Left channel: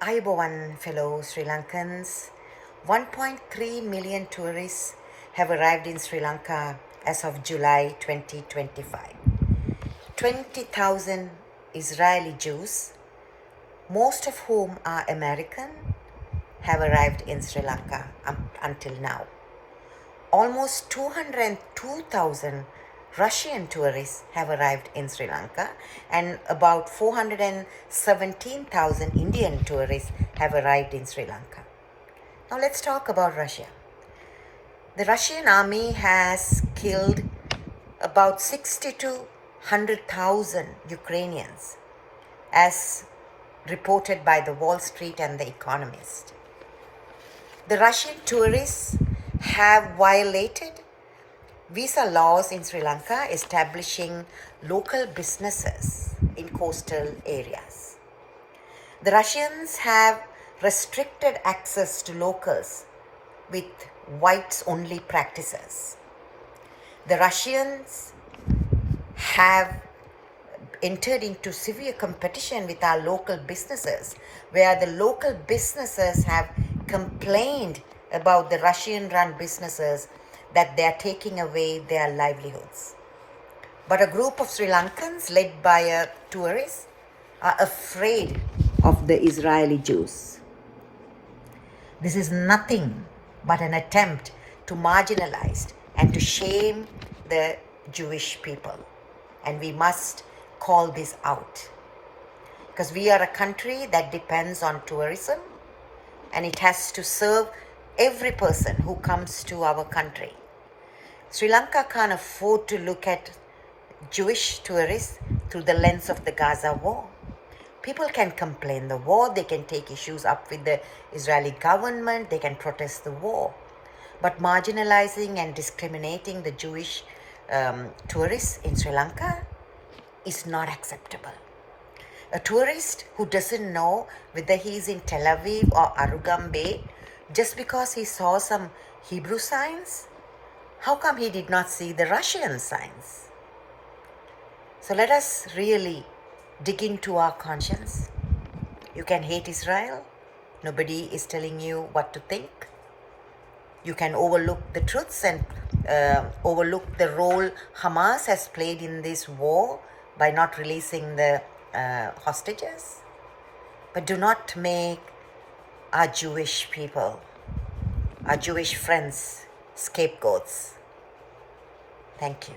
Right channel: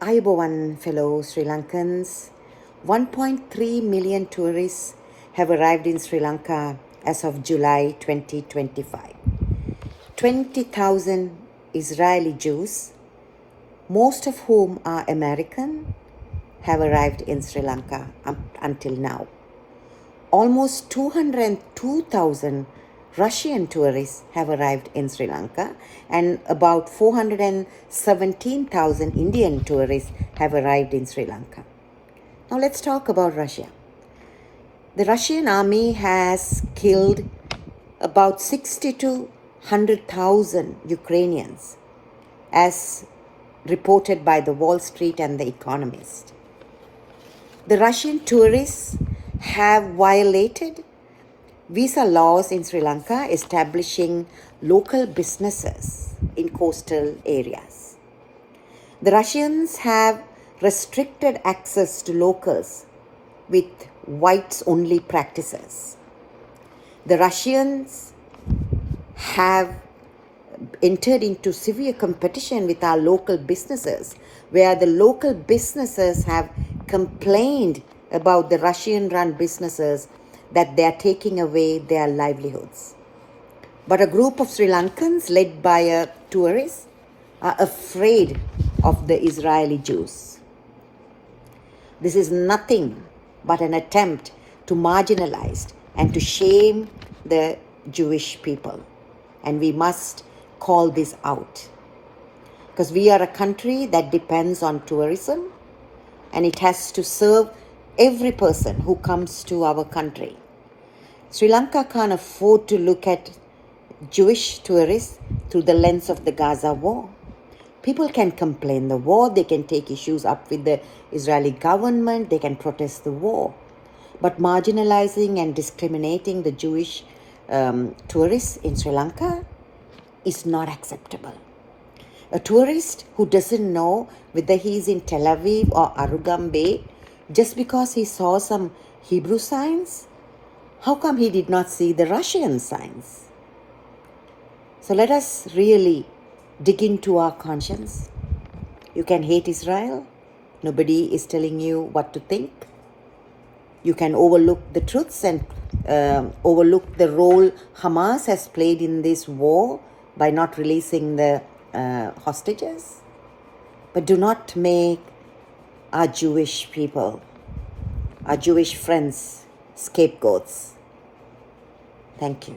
Ayubowan fellow Sri Lankans, 1.3 million tourists have arrived in Sri Lanka as of July 2025. 20,000 Israeli Jews, most of whom are American, have arrived in Sri Lanka until now. Almost 202,000 Russian tourists have arrived in Sri Lanka, and about 417,000 Indian tourists have arrived in Sri Lanka. Now let's talk about Russia. The Russian army has killed about 60 to 100,000 Ukrainians, as reported by the Wall Street and The Economist. The Russian tourists have violated visa laws in Sri Lanka, establishing local businesses in coastal areas. The Russians have restricted access to locals with whites-only practices. The Russians have entered into severe competition with our local businesses, where the local businesses have complained about the Russian-run businesses that they are taking away their livelihoods. But a group of Sri Lankans led by a tourist are afraid of the Israeli Jews. This is nothing but an attempt to marginalize and to shame the Jewish people. And we must call this out, because we are a country that depends on tourism, and it has to serve every person who comes to our country. Sri Lanka can't afford to look at Jewish tourists through the lens of the Gaza war. People can complain the war, they can take issues up with the Israeli government, they can protest the war. But marginalizing and discriminating the Jewish tourists in Sri Lanka is not acceptable. A tourist who doesn't know whether he's in Tel Aviv or Arugam Bay just because he saw some Hebrew signs, how come he did not see the Russian signs? So let us really dig into our conscience. You can hate Israel. Nobody is telling you what to think. You can overlook the truths and overlook the role Hamas has played in this war by not releasing the hostages. But do not make our Jewish people, our Jewish friends, scapegoats. Thank you.